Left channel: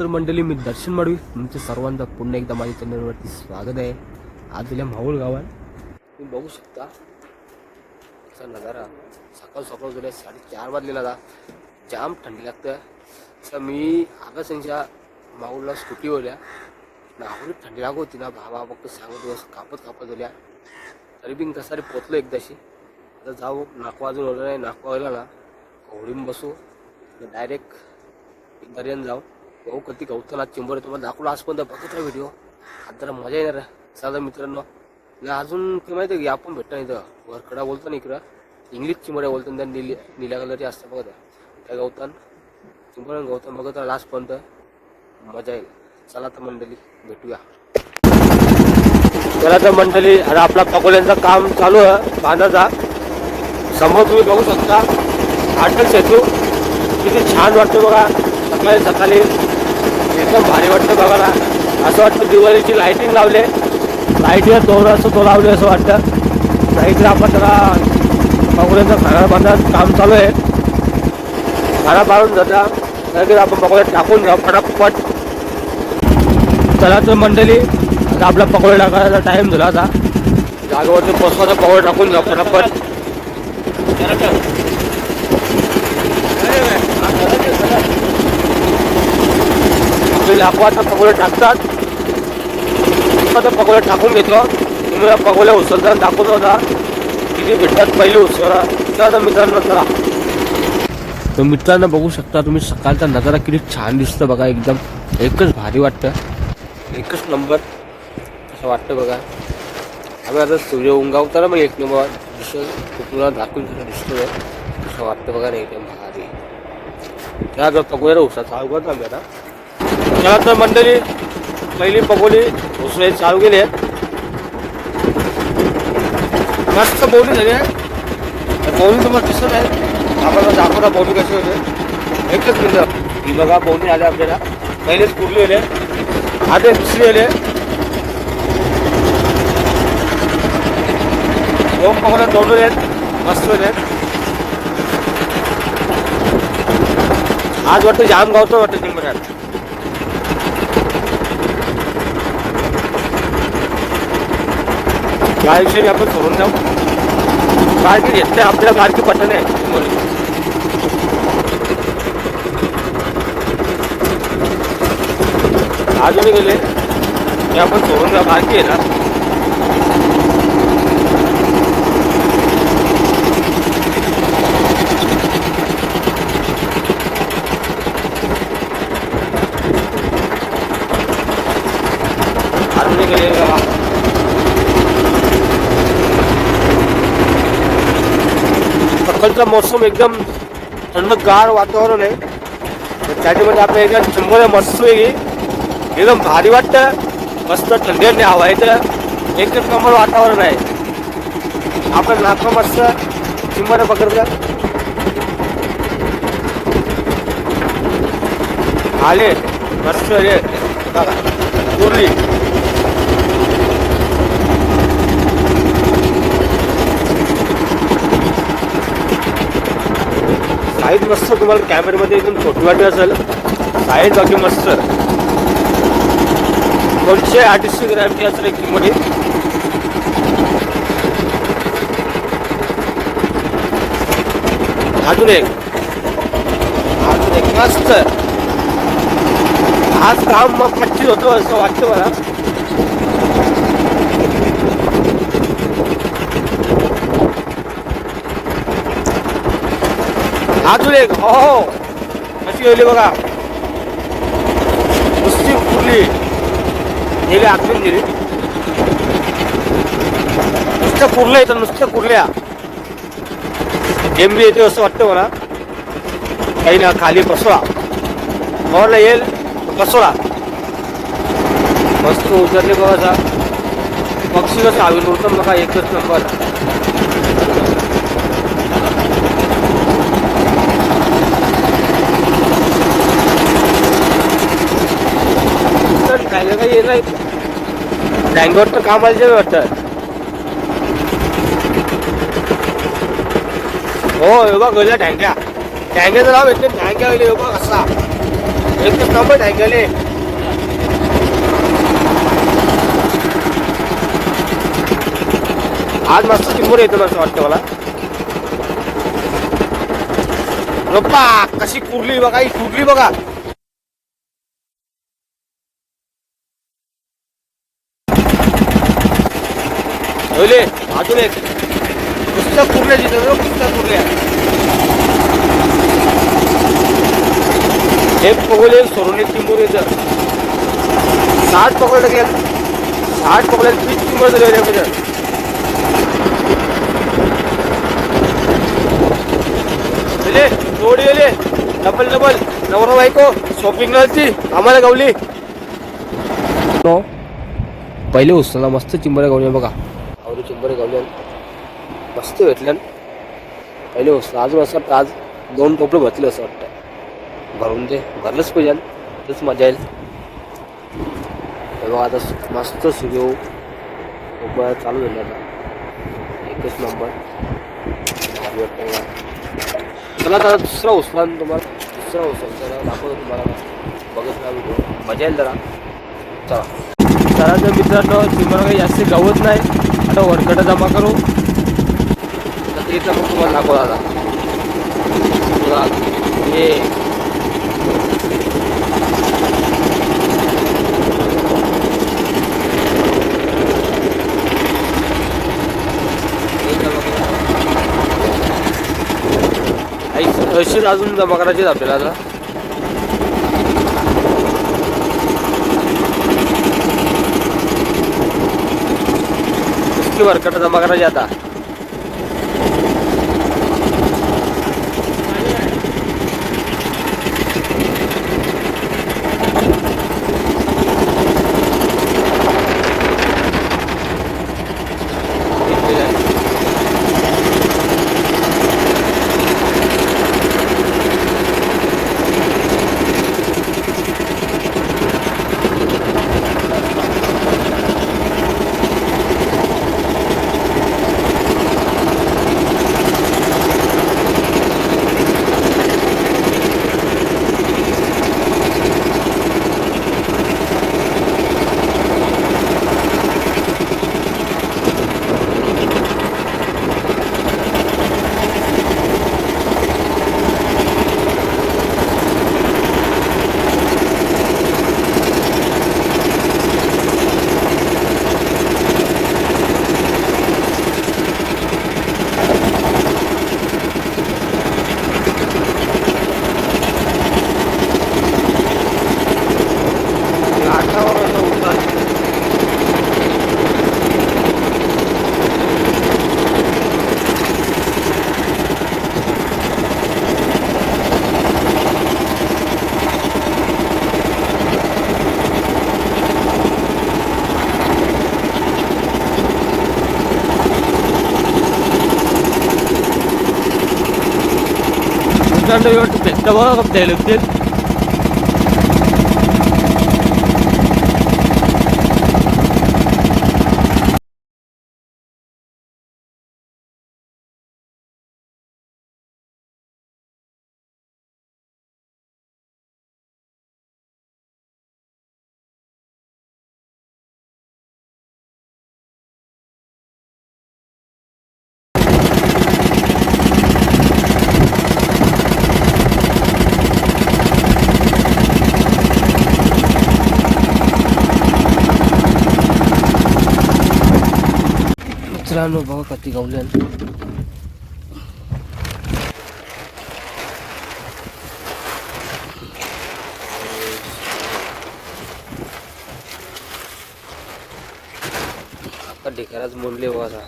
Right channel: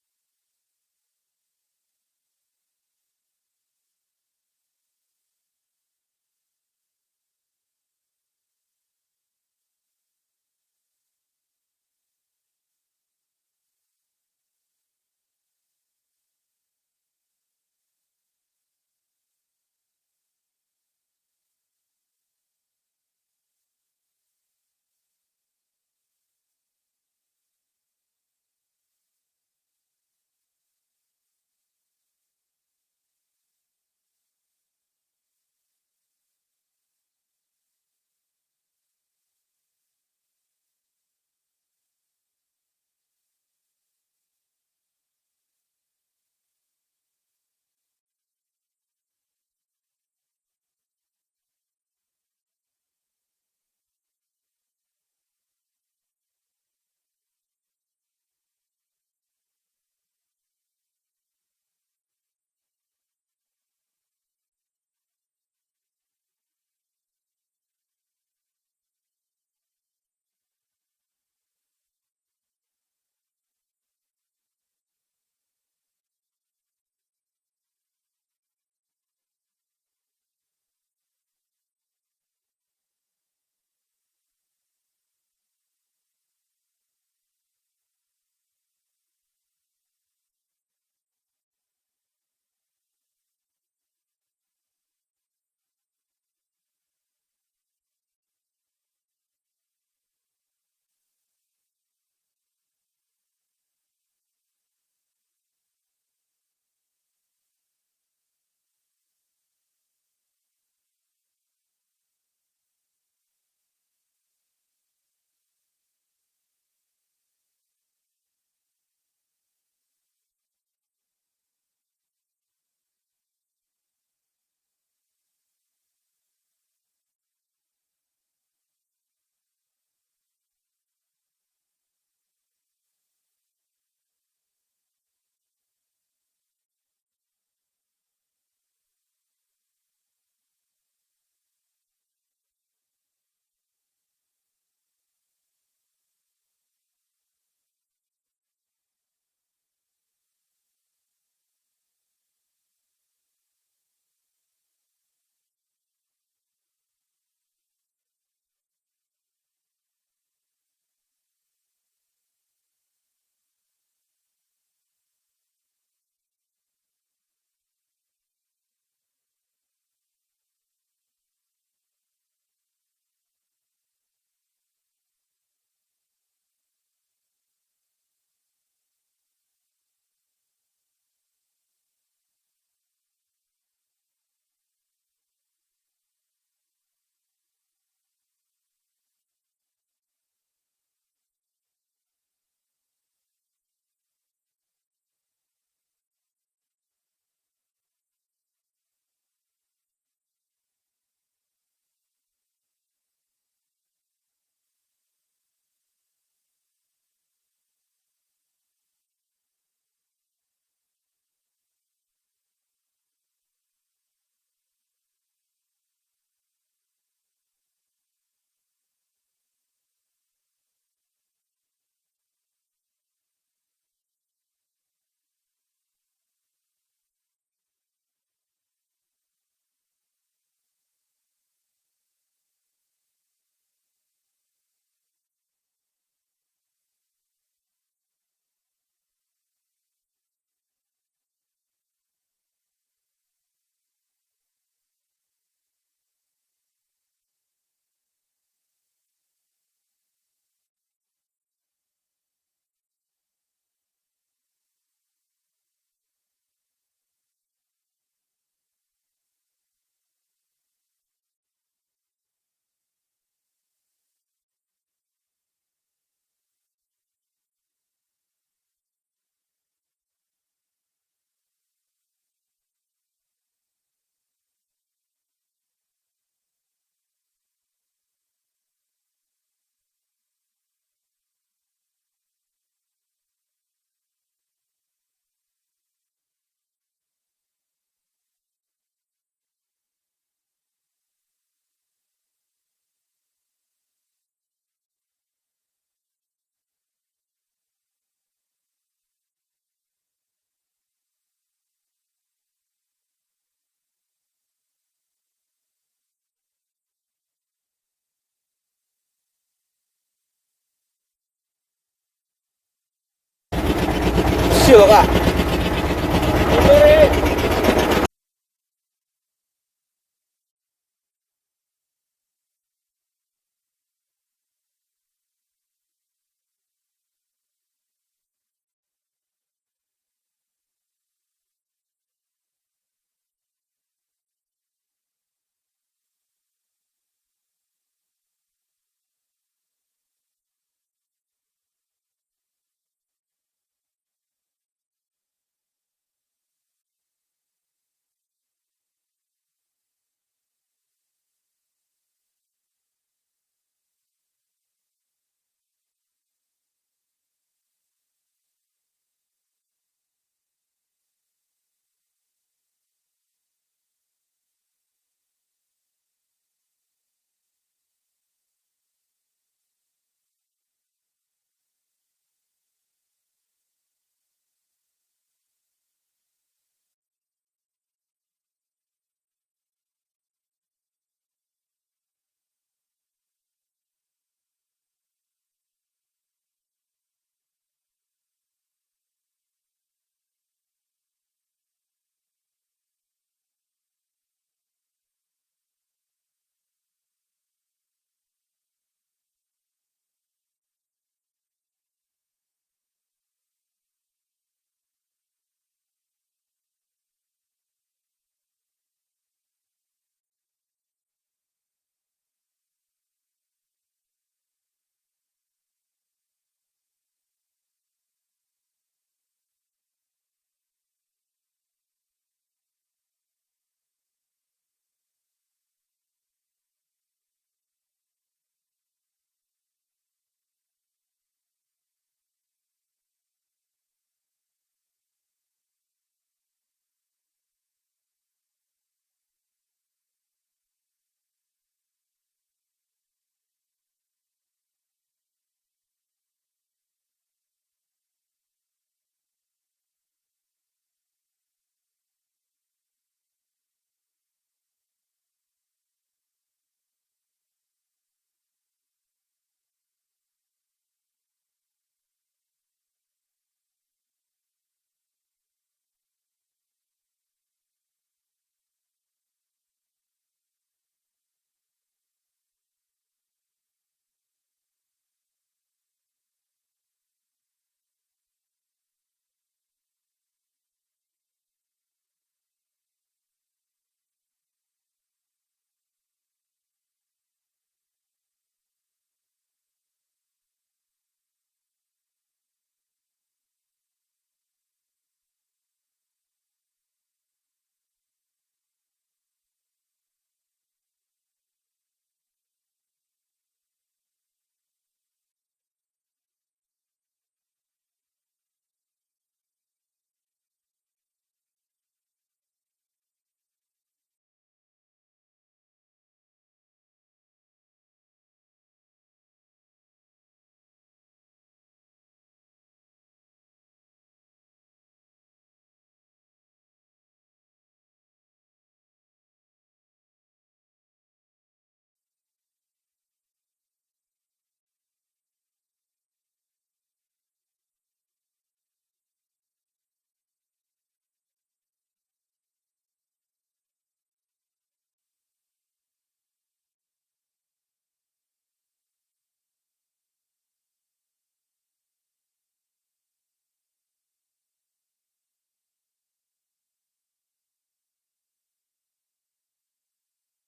तर मंडळी, मी दर्शन माडवी तुमचे सर्वांचा पुन्हा एकदा माझ्या चॅनलवरती स्वागत आहे. आज दिल्या माहूल गावात तुम्ही बघू शकता असा नजारा. सकाळ सकाळ गेल्या 4:30 वाजलेला आता जाम थंडी लागतं. असं मी आकाशांच्या माहूलला स्कूटीवर या नाहून थंडी लागत होती ना. भावा फक्त सांगत दिवस कापत होत्या तरी बी कसारी पोचलो एकदाशी. आता जाऊ नाकवा अजून ओढलं नाही. नाकवा व्हायला ना होडीन बसू डायरेक्ट दर्यान जाऊ. भाऊ कधी गवताला चिंबर तुम्हाला दाखवला आजपर्यंत बघत राहा व्हिडिओ. आता जरा मजा येणार साधा मित्रांनो. अजून ते माहिती आहे की आपण भेटता इथं वरकडा बोलतो ना इकडं इंग्लिश चिंबऱ्या बोलतो त्या निळ्या कलरची असतं बघा त्या गवतान चिंबर गवतान बघत राहा लास्टपर्यंत मजा येईल. चला तर मंडळी भेटूया. चला तर मंडळी, आता आपला पकोड्यांचं काम चालू आहे बांधाचा. समोर तुम्ही बघू शकता अटल सेतू किती छान वाटतं बघा. सकाळी सकाळी एकदम भारी वाटतं बघा ना. असं वाटतं दिवाळीची लाईटिंग लावले लाईटीवर दोरा असं तो लावले असं वाटतं. नाहीतर आपण जरा पकोड्यांचा खाना बांधायचं काम चालू आहे. खाना बांधून जाता तर आपण पकोड्यात टाकून जाऊ फटाफट. चला तर मंडळी, आता आपला पकोडा टाकायचा टाईम झाला. आता जागेवरती पोचवायचा पकोडा टाकून जाऊ फटाफट. लाकवाचा पकोडा टाकतात. आता पकोडा टाकून घेतो. तुम्ही पकोड्या उचलताना दाखवत होता किती भेटतात पहिले उसळा. तर मित्रांनो चला. तर मित्रांनो बघू शकता तुम्ही सकाळचा नजारा किती छान दिसतं बघा. एकदम एकच भारी वाटतं. एकच नंबर असं वाटतं बघा. आम्ही आता सूर्य उंगावताना मग एक नंबर दिसतो दाखवून दिसतोय असं वाटतं बघा. नाही एकदम भारी. त्या जर पकोड्याला उसा चालू करतो आम्ही आता. चला तर मंडळी, पहिली पकोडी उसळे चालू गेले. मस्त बोवणी झाली आहे. बोवणी तुम्हाला दिसत आहे. आपल्याला दाखवता बोवणी कशी होते. एकच मिनिट ही बघा बोवणी आले आपल्याला. पहिलेच कुरली आले आधे दुसरी आले. दोन पकोड्या तोडून आहेत मस्त होते. आज वाटतं जाम गावचं वाटतं चिंबऱ्यात. गायशी आपण सोडून जाऊ. गायकी घेतले आपल्या गाडकी पटन आहे. अजूनही गेले ते आपण सोडून जाऊ. गाडकी आहे ना. अजूनही गेले सकाळचा मोसम एकदम थंडगार वातावरण आहे. त्याच्यामध्ये आपल्या एकदम चिंबोऱ्या मस्त वेगळी एकदम भारी वाटतं. मस्त थंडीने हवा आहे तर एकच नंबर वातावरण आहे. आपण नाका मस्त चिंबोऱ्या पकडतात आले मस्त रे बघा कुर्ली. साईज मस्त तुम्हाला कॅमेऱ्यामध्ये एकदम छोटी वाटत असेल. साईज बाकी मस्त 238 ग्रॅमची असेल एक किंमत. अजून एक मस्त. आज काम मग पच्चीस होतो असं वाटतं मला. अजून एक हो कशी होईल बघा. नुसती फुली गेली आतून गेली. नुसत्या कुर्ल्या येतात नुसत्या कुर्ल्या. गेमबी येते असं वाटतं मला. काही ना खाली बसवा मोरला येईल बसवला. मस्त उतरले बघा. पक्षी कसं हवेत उडतं बघा. एकच नंबर. काही येत नाही. टँगवर तर काम आलं वाटतं. हो हे बघ गल्या ढँग्या ढँग्याचं नाव येते. ढँग्या होईल हे बघ असा एकच नंबर आहे गेले. आज मस्त चिंबोर येतो असं वाटतं मला. रप्पा कशी कुरली बघा, ही कुरली बघा कशी बघा. अजून एक पुस्तक कुरल्या जिथं पुस्तक कुरल्या. एक पगोले सोडून एक चिंबोर येतं. 60 पकडलं गेलं, 60 पकडलं 30 चिंबोर झाले. जोडी गेले डबल डबल नवरा बायको शॉपिंग ची आम्हाला गावली. पहिले उचलला मस्त चिंबऱ्या गावल्या बघा. आवडी चिंबऱ्या गावल्या मस्त भेटल्या. पहिले उचला अजून असं वाटतं आज 2 टोपले भरले असं वाटतं. भरून ते भरलंच पाहिजे, तेच मजा येईल. बघा आता मस्त सूर्य उभा चालू झाला. एकच नंबर. चला आता दुसरा उचला तुम्हाला, दुसरा उचल दाखवतो तुम्हाला. बघत ना व्हिडिओ, मजा येईल जरा. चला चला तर मित्रांनो, चिंबरा काही जास्त गावत नाही. आता वरकडं जमा करू तर इथं मग तुम्हाला दाखवला आता. हे अशीच अजून जमा करायची आपल्याला आता. इसकी वरकट जमा करायची आता. పెద్దగా తెలుగు मित्रांनो बघा कधी गावल्या. आता ढेकराच मोडले बघा.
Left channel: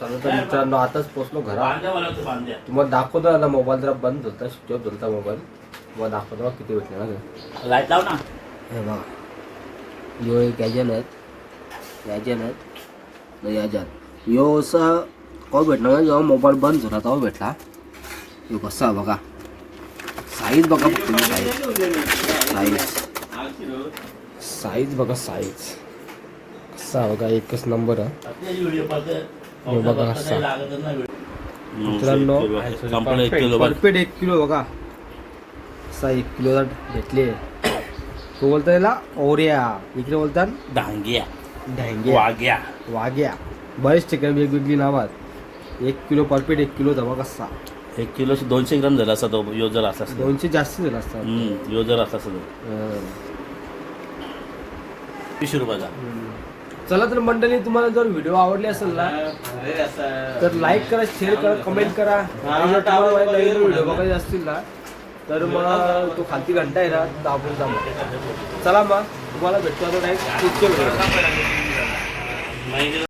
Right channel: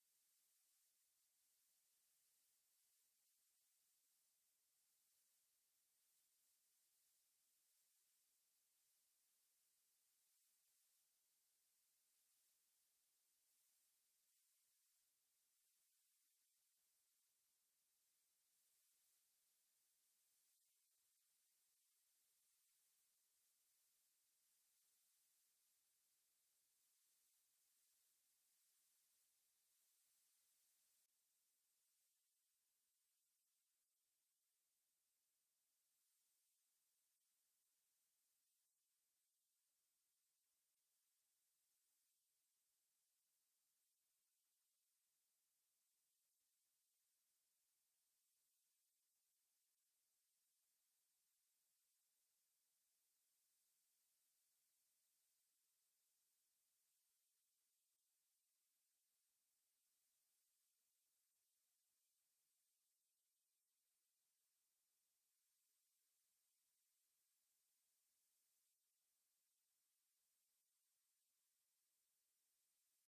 चला तर मित्रांनो आताच पोचलो घरात. तुम्हाला दाखवतो आता. मोबाईल जरा बंद होता, स्विच ऑफ होता मोबाईल. तुम्हाला दाखवतो बघा किती भेटले ना. लाईट लाव ना. हे बघा यो एक गॅजन आहेत याच्यात यो असा कवा भेटणार ना, जेव्हा मोबाईल बंद झाला तेव्हा भेटला. यो कसा बघा साईज बघा. साईज बघा, साईज कसा बघा. एकच नंबर आहे. हे बघा असा मित्रांनो, संपलं 1 किलो परफेक्ट 1 किलो बघा असा 1 किलो घेतले. तो बोलता याला ओऱ्या, इकडे बोलतात डांग्या, ढँग्या, वाग्या, बरेच ठिकाणी वेगवेगळी नावात. 1 किलो परफेक्ट 1 किलो दबा कसा 1 किलो 200 ग्राम झाला असता तो. यो जर असा 200 जास्त झाला असता. यो जर असा असतो 20 रुपयाचा. चला तर मंडळी, तुम्हाला जर व्हिडिओ आवडले असेल ना तर लाईक करा, शेअर करा, कमेंट करा. आणि जर तुम्हाला नवीन व्हिडिओ बघायचे असतील ना तर मग तो खालती घंटा आहे ना दाबून जा. चला मग तुम्हाला भेटतो आता डायरेक्ट.